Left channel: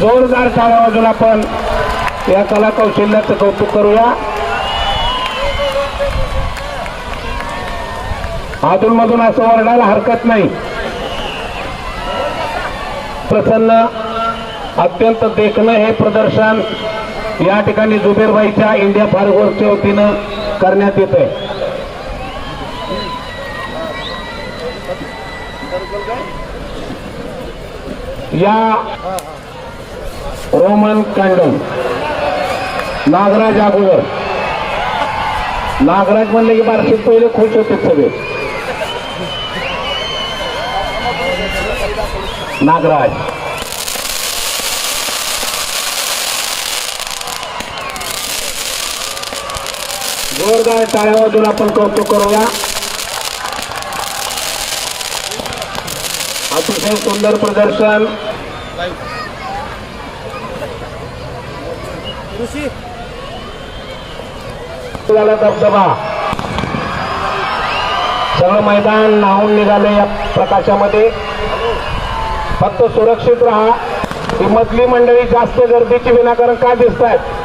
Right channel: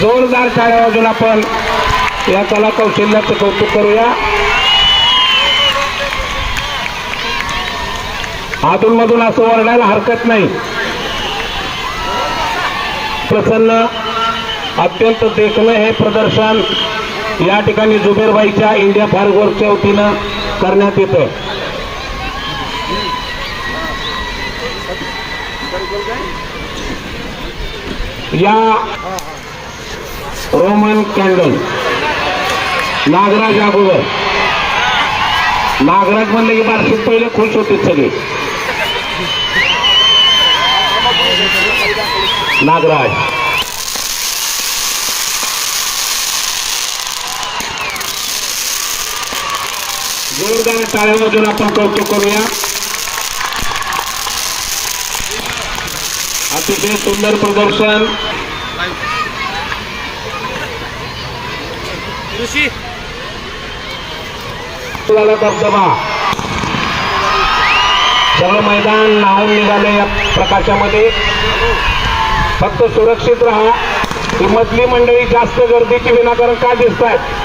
जोरदार टाळ्या वाजून आपण या कला कौशल्याचं कौतुक करूया. अधूनमधून असं ओरडायला हरकत नाही. प्रसन्न अत्यंत देखणं हे प्रदर्शन. या ठिकाणी जुबेरबाईच्या इंडिया फार्गोरच्या वतीनं करण्यात येतं या रोमन कॅन्डल नागराज अगोदर. नागराज म्हणले की बारशेत पहिले खुश होते सगळे. नागराज. जोरदार टाळ्या वाजून आपण कौतुक करूया. अतिशय सुंदर प्रदर्शन. धबधबा सगळं मैदान नाहून निघाले या प्रकाशामध्ये. फक्त सुरक्षित राहा. ही मंडळी जास्त गर्दीची विनाकारण का दिसत आहेत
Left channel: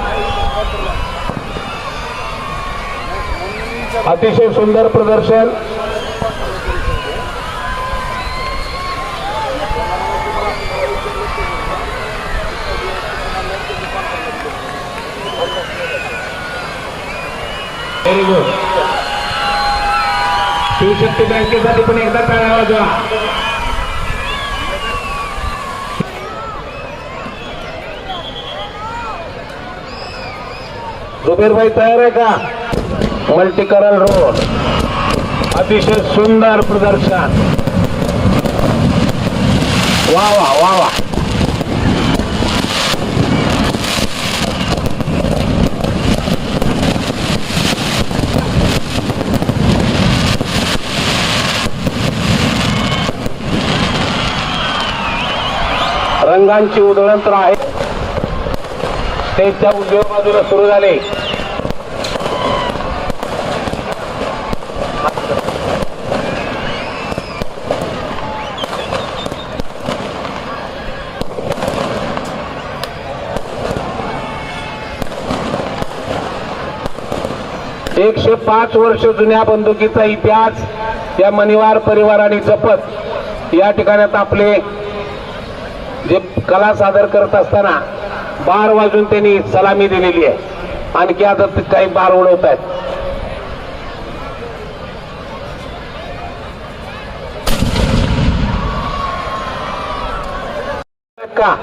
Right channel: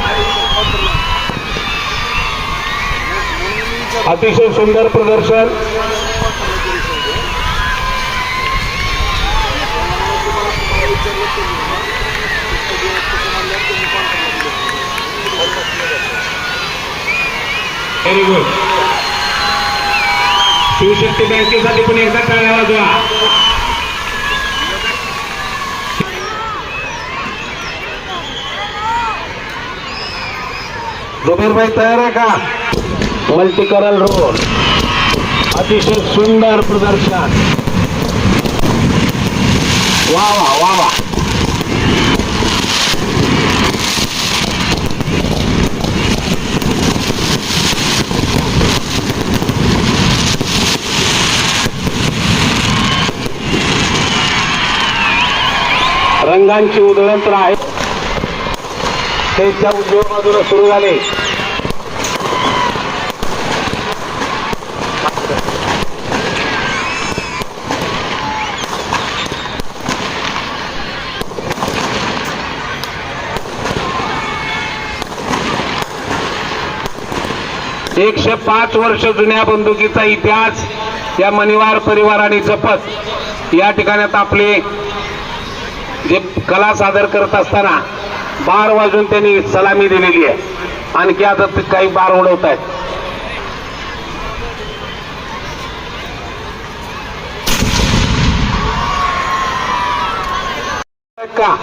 अतिशय सुंदर प्रदर्शन. व्हेरी गुड शिवशक्ती बँकेसाठी पण एकदा टाळ्या वाजवा. जुबेरभाई तयार आहे का? मल्टीकरल रोड. अतिशय सुंदर प्रदर्शन. वा वा वा वा. रंगांची उधळण तर आहे. त्याच्या उजव्या बाजूला सुरू झाले. एकशे पाच वर्ष जुन्या बंदुकीचा इतिहास या मणिवार परिवाराने जपत या ठिकाणात आपले जे कला सादर करत असताना बार वाजून त्यांनी सलामी दिलेली आहे. आणखी आता काही बार उडवत आहेत का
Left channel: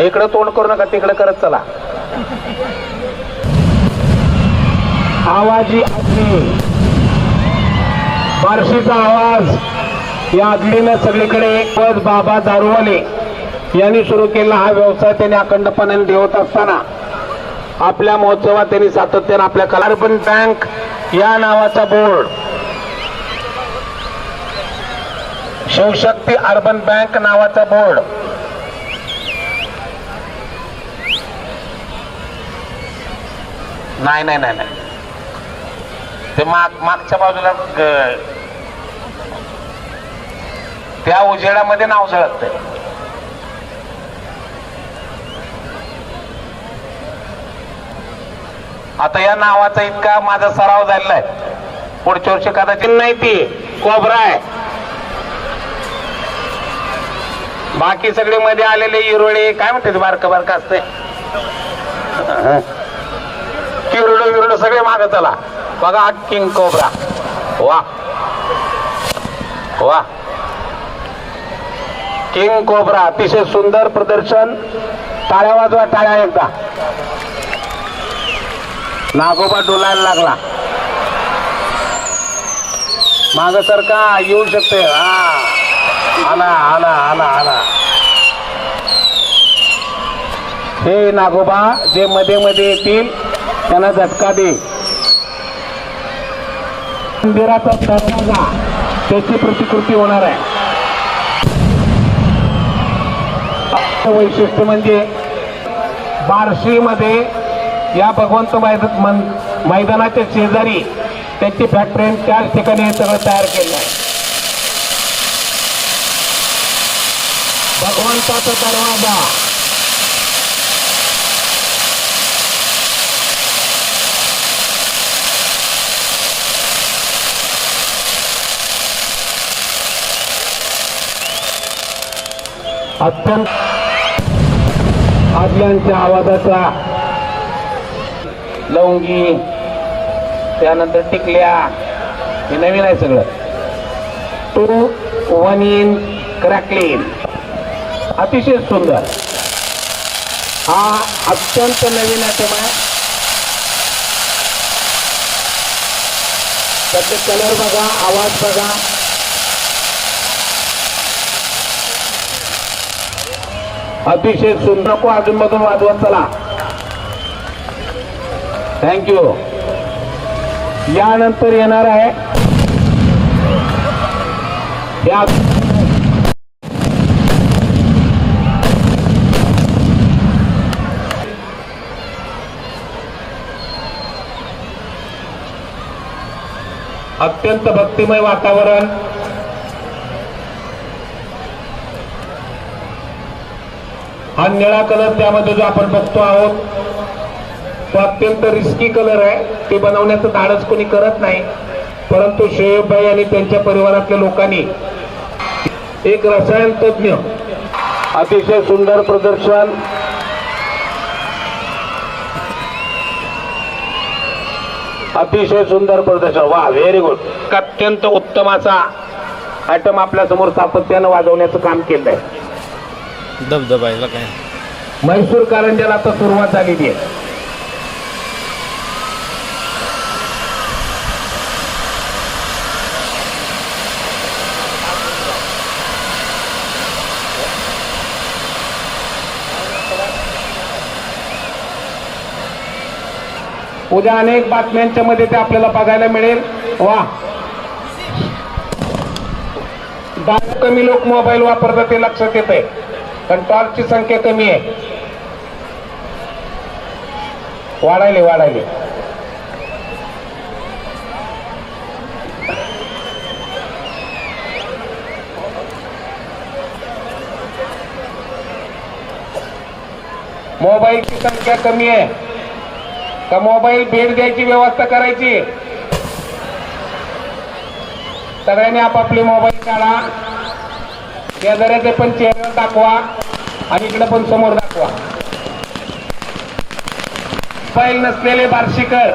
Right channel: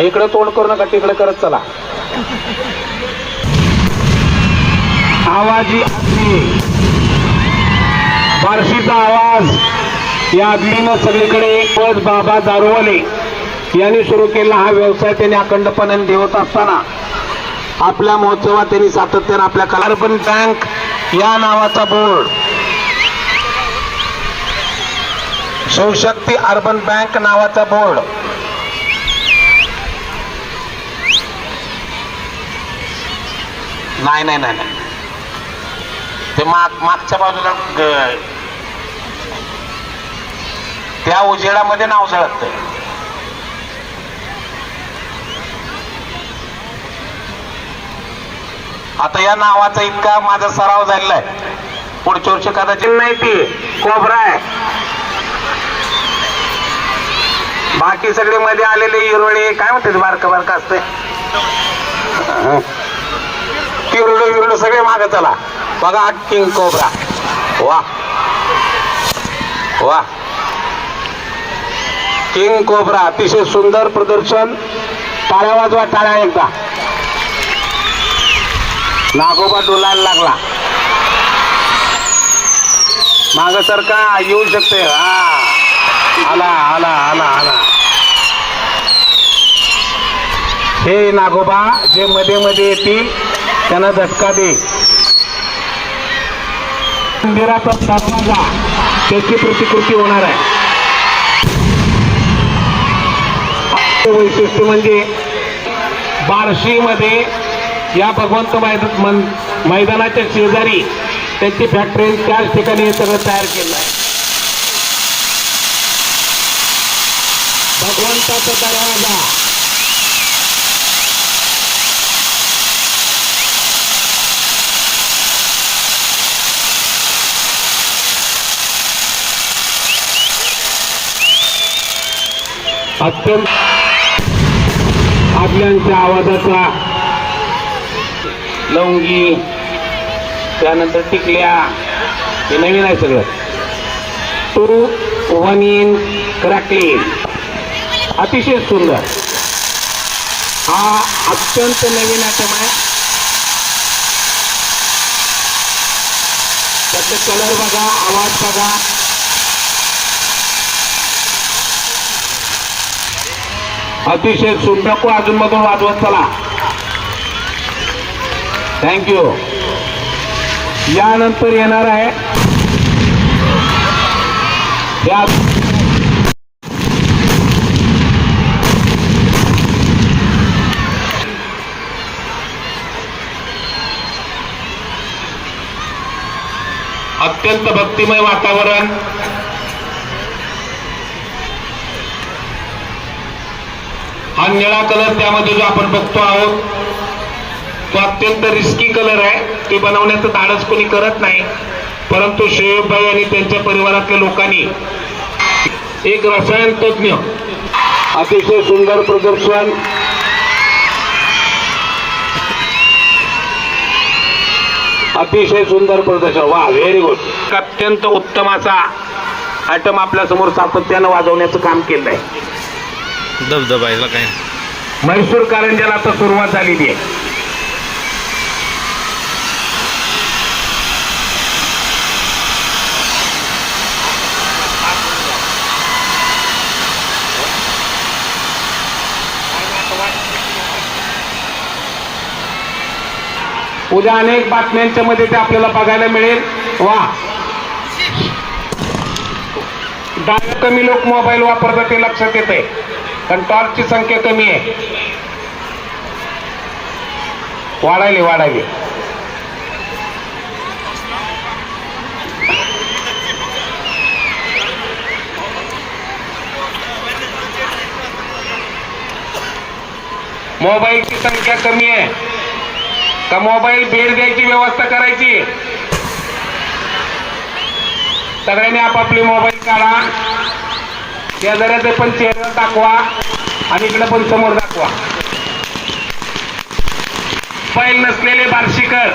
इकडे तोंड करू नका तिकडे करत चला. आवाजी अग्नी बार्शीचा आवाज. या अग्नीनं सगळीकडे पद बाबा दारुवाले यांनी सुरू केलेला हा व्यवसाय त्यांनी अखंडपणाने देवत असताना. आपल्या महोत्सवात त्यांनी सातत्यानं आपल्या कलार्पण बँक या नावाचा बोर्ड शिवशक्ती अर्बन बँक नावाचा बोर्ड नाही नाही नाही नाही. ते माग मागच्या बाजूला त्या उजेडामध्ये नाव झळकत आता या नावाचा इतका माझा सराव झालेला आहे पुढच्या वर्षी कदाचित नाही ती कोबरा आहे. बाकी सगळे मध्ये आलेले इरोळे काय म्हणते बारक बारक असते किरडो विरडो सगळे माग चला. बघा किंग कोबरा. वा. वा. King cobra. अतिशय सुंदर प्रदर्शन. टाळ्या वाजवा टाळ्या एकदा. नागोबा डोलायला लागला. माग सरका येऊ शकते? हा. आला आला आला आला. हे नागोबा जे मध्ये मध्ये येतील त्यांना झटका दे. मंदिराचा स्थापना त्याची प्रतिकृती होणार आहे. वैशिष्ट्य म्हणजे बार्शीमध्ये या भगवंत मैदान मन- मैदानाच्या शेजारी त्यांची फॅक्टरी त्याच ठिकाणी सगळं तयार केलं आहे. भगवंताचा दरवाजा. अत्यंत आदल्यांच्या आवाजाचा लवंगी त्यानंतर टिकल्या हे नवीन आहे सगळं. टू वन इन क्रॅकलिन अतिशय सुंदर. हा अत्यंत नवीन आहे आहे त्याचे कलर बघा आवाज बघा. अतिशय सुंदर को अजून मधून वाजवत चला. थँक्यू यानंतर येणार आहे. या अत्यंत भक्तिमय वातावरण. हा निळा कलर त्यामध्ये जो आपण बघतो आहोत तो अत्यंत रिस्की कलर आहे. ते बनवण्याचं धाडस कोणी करत नाही. परंतु शोएबभाई आणि त्यांच्या परिवारातल्या लोकांनी एक रसायन तज्ञ अतिशय सुंदर प्रदर्शन अतिशय सुंदर प्रदर्शन. वा व्हेरी गुड अत्यंत उत्तम असा आयटम आपल्यासमोर सातत्यानं वाजवण्याचं काम केलंय. धबधबायला याला काय? म्हैसूर कारंजाला आता सुरुवात झालेली आहे. उद्या अनेक बातम्यांच्या मध्ये ते आपल्याला बघायला मिळेल. वा. दहा कमी लोक मोबाईल वापरतात ते लक्षात येत आहे पण टॉर्चची संख्या कमी आहे. वाढायले वाढायले. मोबाईलची संख्या कमी आहे. का मोबाईल भेट द्यायची व्यवस्था करायची? सगळ्यांनी आपापले मोबाईल काढा. शेजाऱ्याचे पण चेहरा दाखवा आणि इकडे पण समोर दाखवा. फाईल नसलेले बार्शीकर.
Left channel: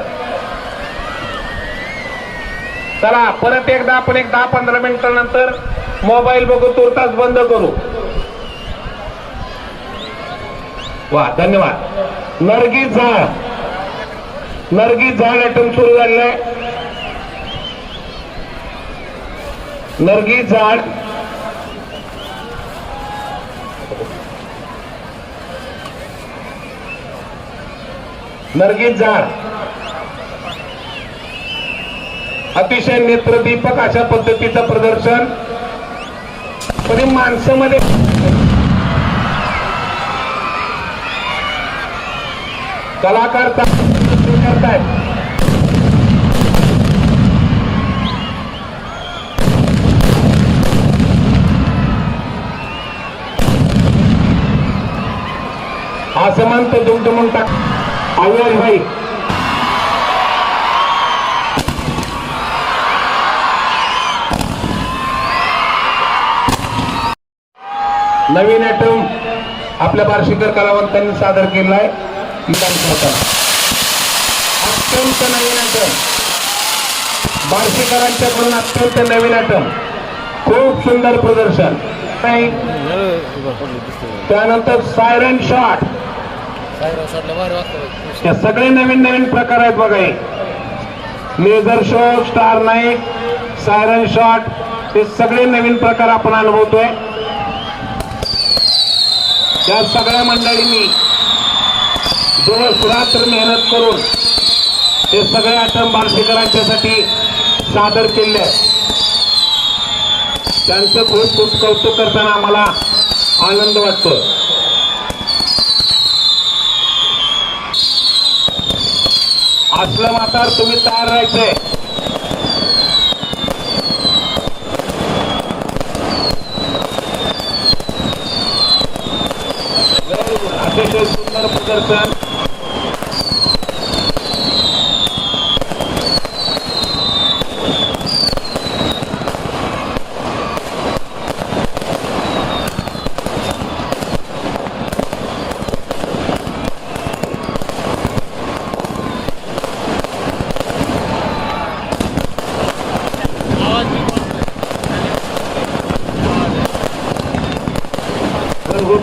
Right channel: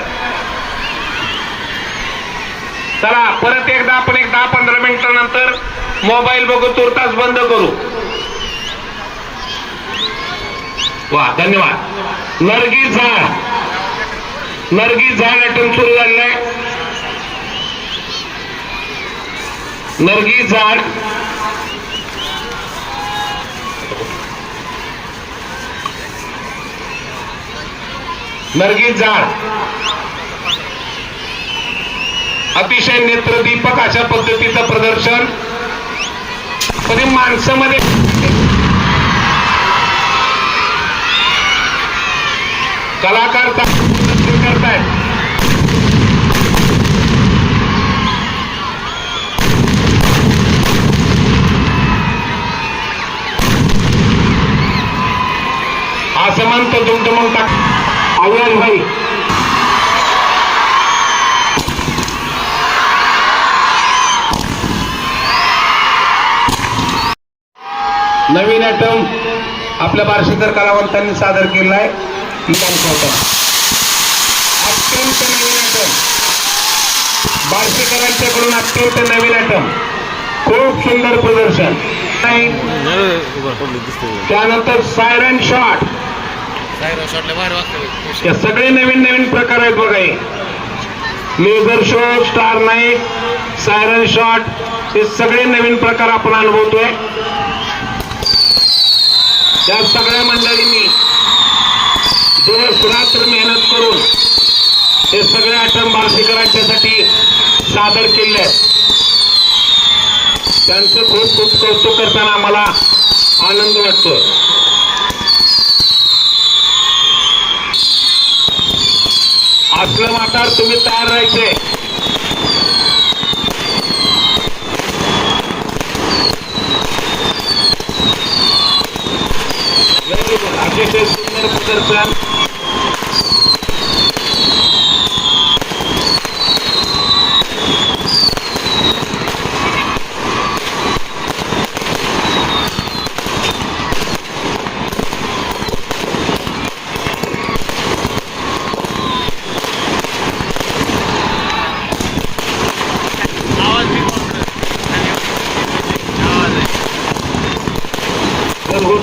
चला परत एकदा आपण एक दहा पंधरा मिनिटानंतर मोबाईल बघू तुर्तास बंद करू. वा धन्यवाद. नरगी झाड. नरगी झाड अटन सुरू झालंय. नरगी झाड. नरगी झाड अतिशय नेत्रदीपक अशा पद्धतीचं प्रदर्शन. तरी माणसामध्ये कलाकार करतायत. आसमान तर दुमदुमून टाक अविनाश भाई नवीन आयटम आपल्या बार्शीकर कलावंतांनी सादर केलाय इमान खालचा अत्यंत नवीन आयटम बार्शीकरांच्याकडून अत्यंत नवीन आयटम खूप सुंदर प्रदर्शन. त्यानंतर सायरन शॉट त्या सगळे नवीन नवीन प्रकार आहेत बघा laser show star night siren shot हे सगळे नवीन प्रकार आपण अनुभवतोय. त्या सगळ्या मंडळींनी दिवस रात्र मेहनत करून हे सगळे आयटम मानसिकरांच्यासाठी सादर केले त्यांचं खूप खूप कौतुक करताना आम्हाला आनंद वाटतो असलं वातावरण तुम्ही तयार राहायचे. अतिशय सुंदर प्रदर्शन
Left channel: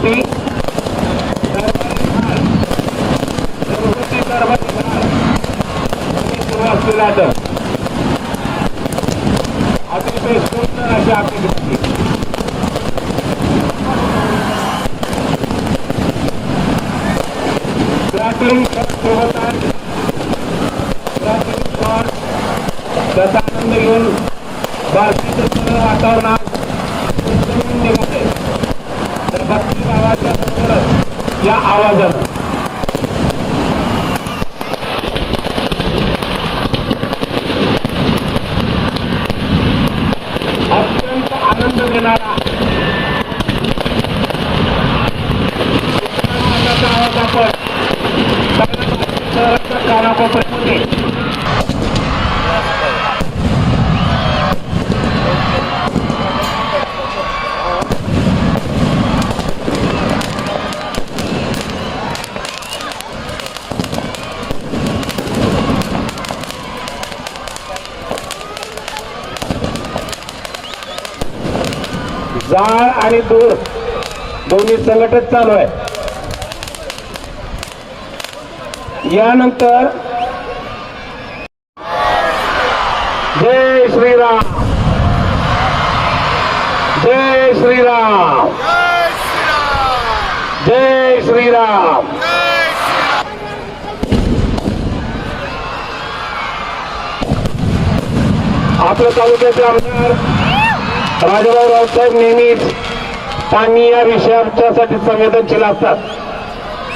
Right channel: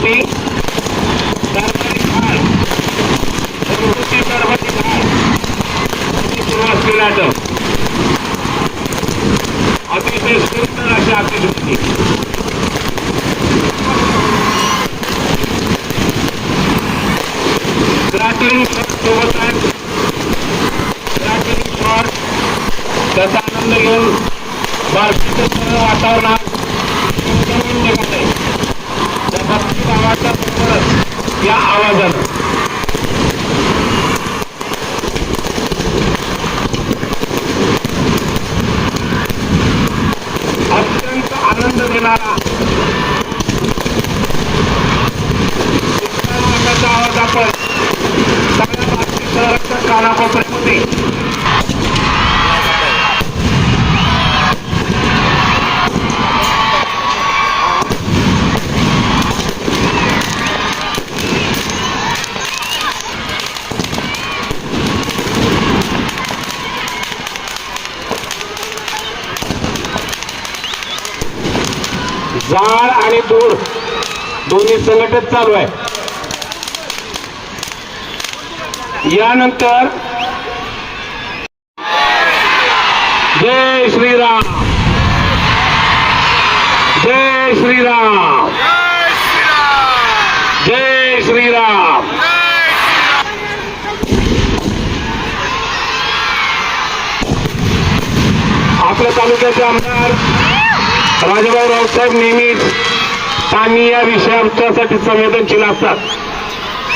P. जाळ आणि दूर दोन्ही संघटित चालू आहे. यानंतर जय श्रीराम. जय श्रीराम. जय श्रीराम. आपल्या तालुक्याचे आमदार राजाभाऊ रावसाहेब नेहमी पाणी या विषयासाठी संवेदनशील असतात.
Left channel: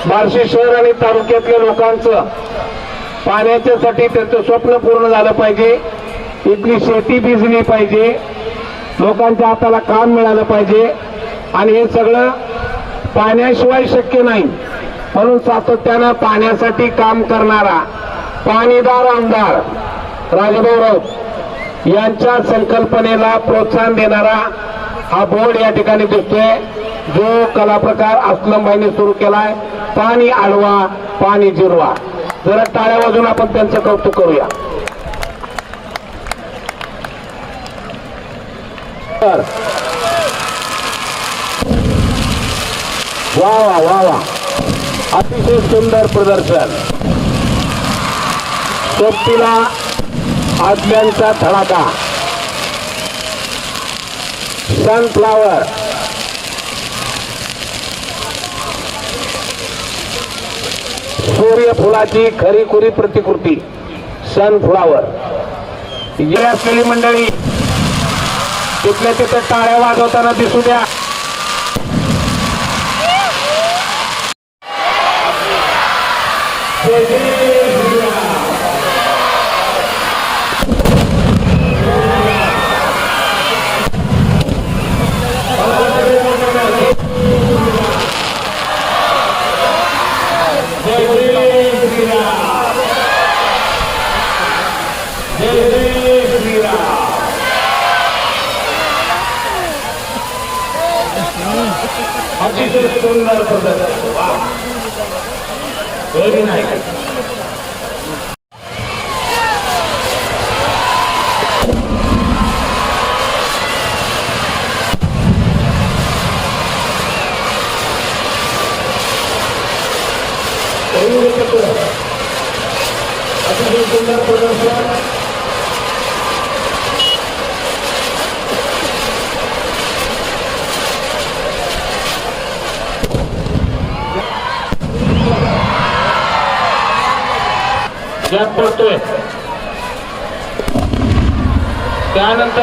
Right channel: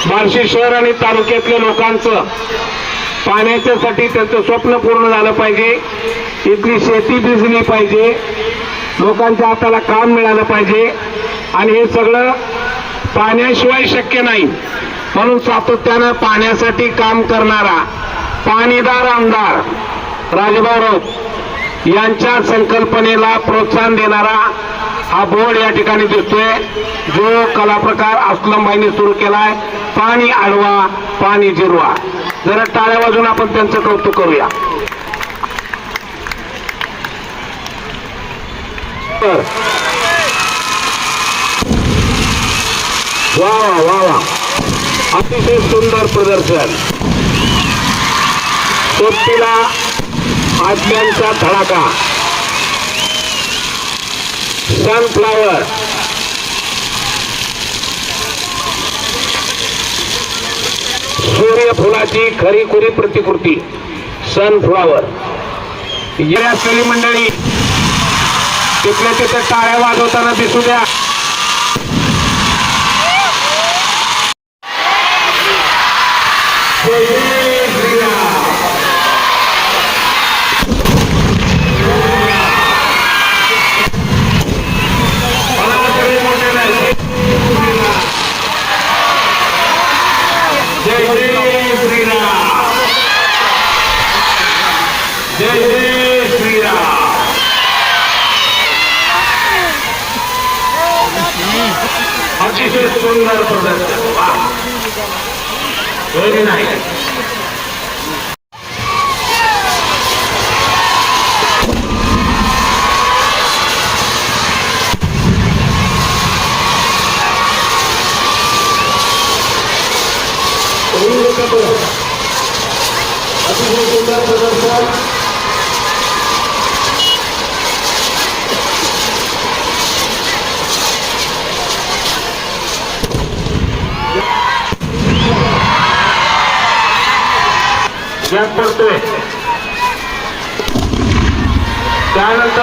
बार्शी शहर आणि तालुक्यातल्या लोकांचं पाण्याच्यासाठी त्यांचं स्वप्न पूर्ण झालं पाहिजे. इथली शेती भिजली पाहिजे. लोकांच्या हाताला काम मिळालं पाहिजे. आणि हे सगळं पाण्याशिवाय शक्य नाही. म्हणून सातत्यानं पाण्यासाठी काम करणारा पाणीदार आमदार राजभाऊ राऊत यांच्या संकल्पनेला प्रोत्साहन देणारा हा बोर्ड या ठिकाणी दिसतोय. जो कला प्रकार अस्लमबाईने सुरू केलाय. पाणी आडवा पाणी जिरवा. जरा टाळ्या वाजून आपण त्यांचं कौतुक करूया. तर. वा वा वा वा. अतिशय सुंदर प्रदर्शन. सोबतीला आज्ञांचा धडाका सनफ्लावर सूर्यफुलाची खरीखुरी प्रतिकृती. सनफ्लावर या असलेली मंडळी तिथल्या तिथं टाळ्या वाजवताना दिसू द्या.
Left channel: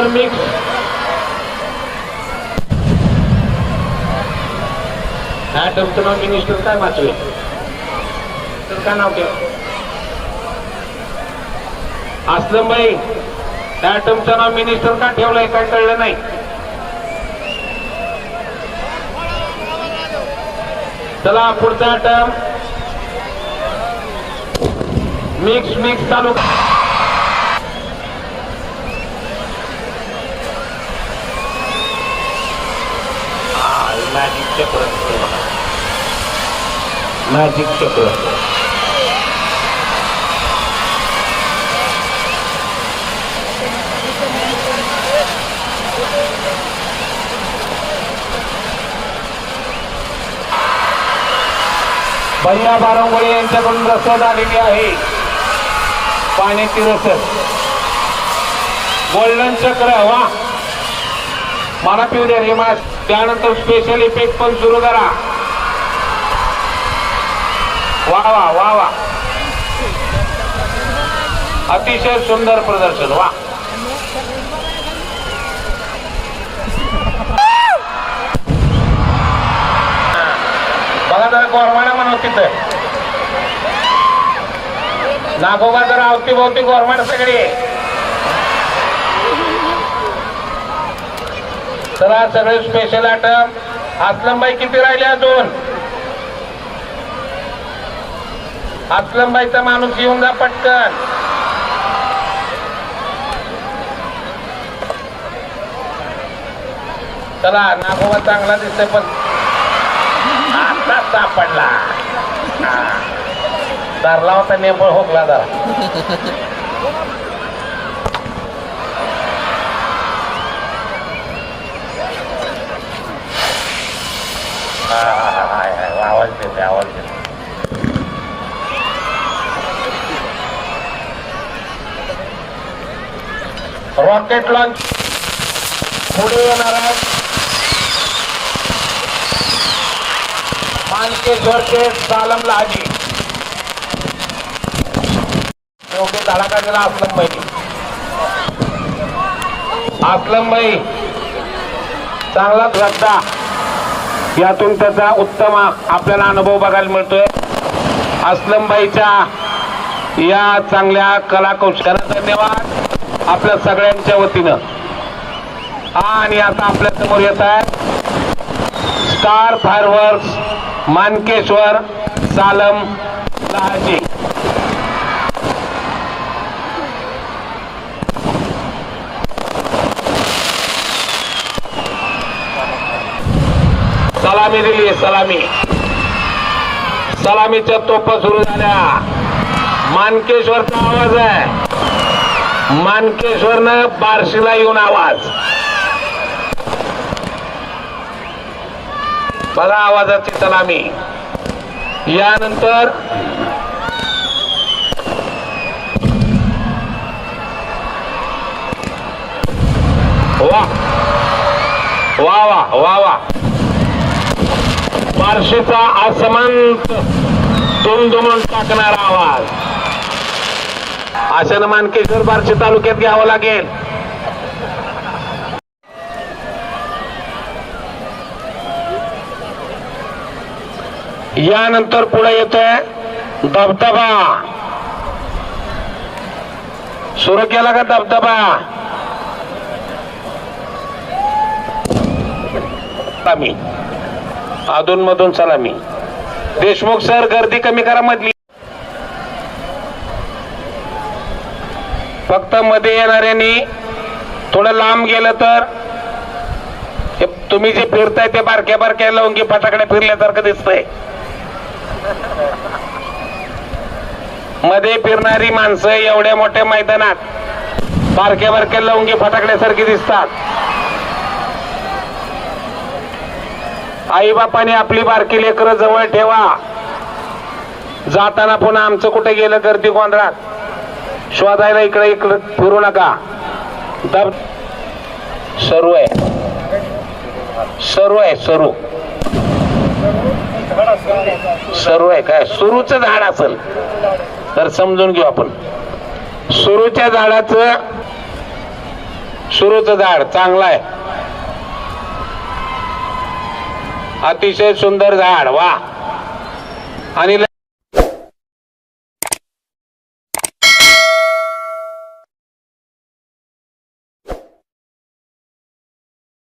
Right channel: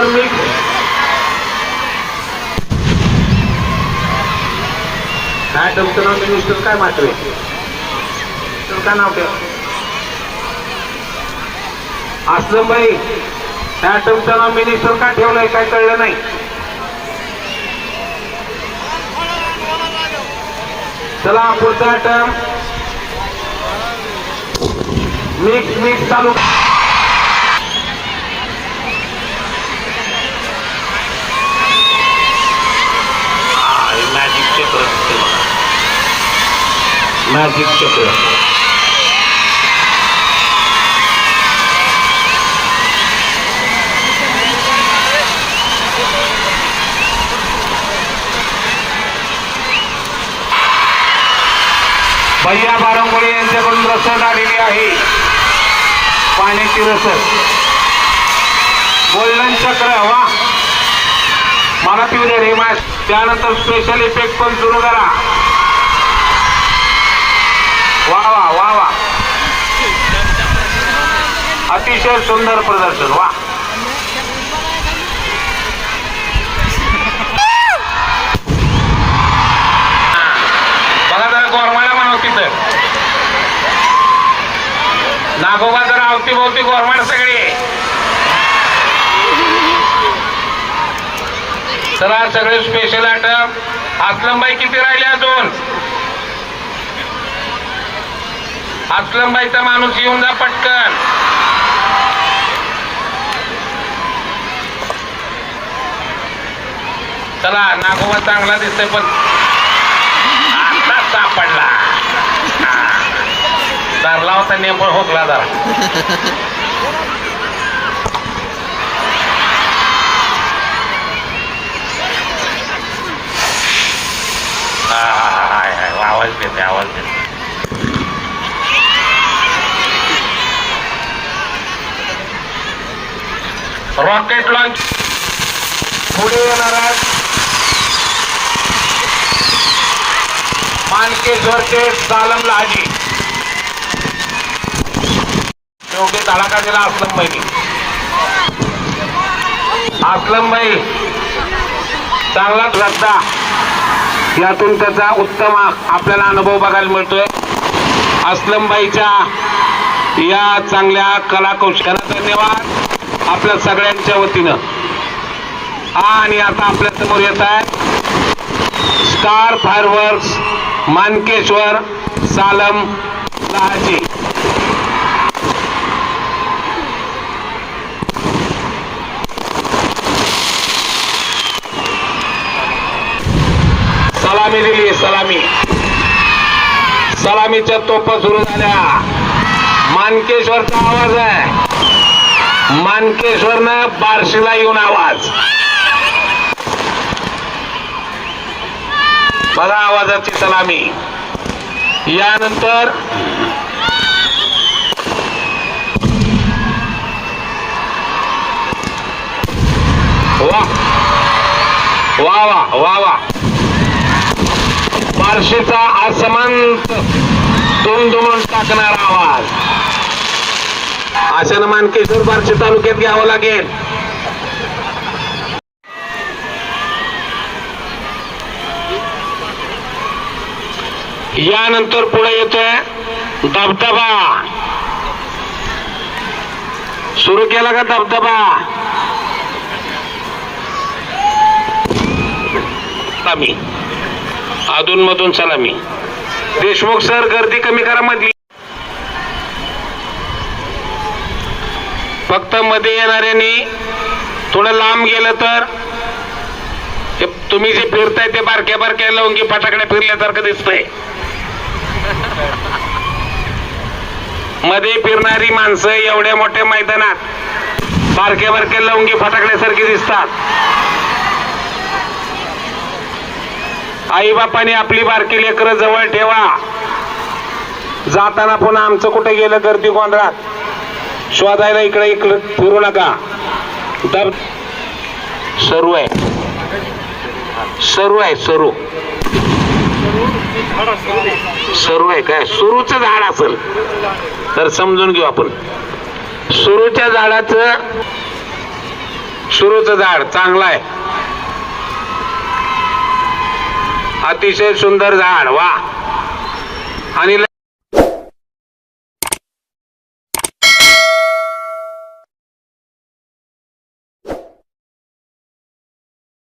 त्यानंतर मी काय तुमचं नाव मिनिस्टर काय मात्र तर काय नाव ते असलं बाई. त्या तुमचं नाव मिनिस्टर का ठेवलंय काय कळलं नाही? चला पुढचा टर्म मिक्स मिक्स चालू मॅजिक चक्र दिसते मला मॅजिक चक्र भैया बारंगोळे यांच्याकडून रसद आलेली आहे. पाण्याची रसद गोल्डन चक्र वा मला पिऊ द्या रे त्यानंतर स्पेशल इफेक्ट पण सुरू करा. वा वा वा वा. अतिशय सुंदर प्रदर्शन वा. बघा जरा गोरमाडा म्हणून तिथं. नागोबा जरा अवतीभोवती गोरमाड सगळी. चला सगळे स्पेशल आयटम असलमबाई किती राहिले अजून? असलमबाईचा माणूस येऊन जा पटकन. चला नागोबा चांगला दिसतोय पण आता सापडला. धरला होता नेमळ होकला जरा. हा, हा, हा, हाय, आवाज देते आवाज देते रॉकेट लॉन्च पुढे येणार येणारा मानकेश्वरचे सालम लाजी. योग्य धडाका दिला असलम भाई असलम भाई चांगलाच श्रद्धा. यातून त्याचा उत्तम आपल्याला अनुभव बघायला मिळतोय. असलमबाईच्या या चांगल्या कलाकौशल्याला धन्यवाद. आपल्या सगळ्यांच्या वतीनं. आणि आता आपल्यासमोर येत आहे स्टार फायरवर्क्स मानकेश्वर सालम लहाजी. सलामी दिली सलामी. सलामीच्या तोप सुरू झाल्या. मानकेश्वरचा आवाज आहे. मानकेश्वरनं बार्शीला येऊन आवाज. बघा आवाजाची सलामी. यानंतर वा. वा वा वा वा. बार्शीचा असमंत दुमदुमून टाकणारा आवाज. अशानं मानकेश्वर बार्शी तालुक्यात घ्यावं लागेल. यानंतर पुढे येतोय धबधबा. सुरू केला का धबधबा? कमी. अधून मधून सलामी देशमुख सर गर्दी कमी करा मधली. फक्त मध्ये येणाऱ्यांनी थोडं लांब गेलं तर तुम्ही जे फिरताय ते बारक्या बारक्या लवंगी फटाकड्या फिरल्यासारखं दिसतंय. मध्ये फिरणारी माणसं एवढ्या मोठ्या मैदानात बारक्या बारक्या लवंगी फटाकड्यासारखी दिसतात. आईबापाने आपली बारकी लेकरं जवळ ठेवा. जाताना पुन्हा आमचं कुठे गेलं गर्दी गोंधळात? शोधायला इकडे इकडे फिरू नका. दब सरू आहे. सरू आहे सरू. सरू आहे काय? सुरूचं झाड असेल. तर समजून घेऊ आपण. सुरूच्या झाडाचं सुरूचं झाड चांगलं आहे. अतिशय सुंदर झाड वा. आणि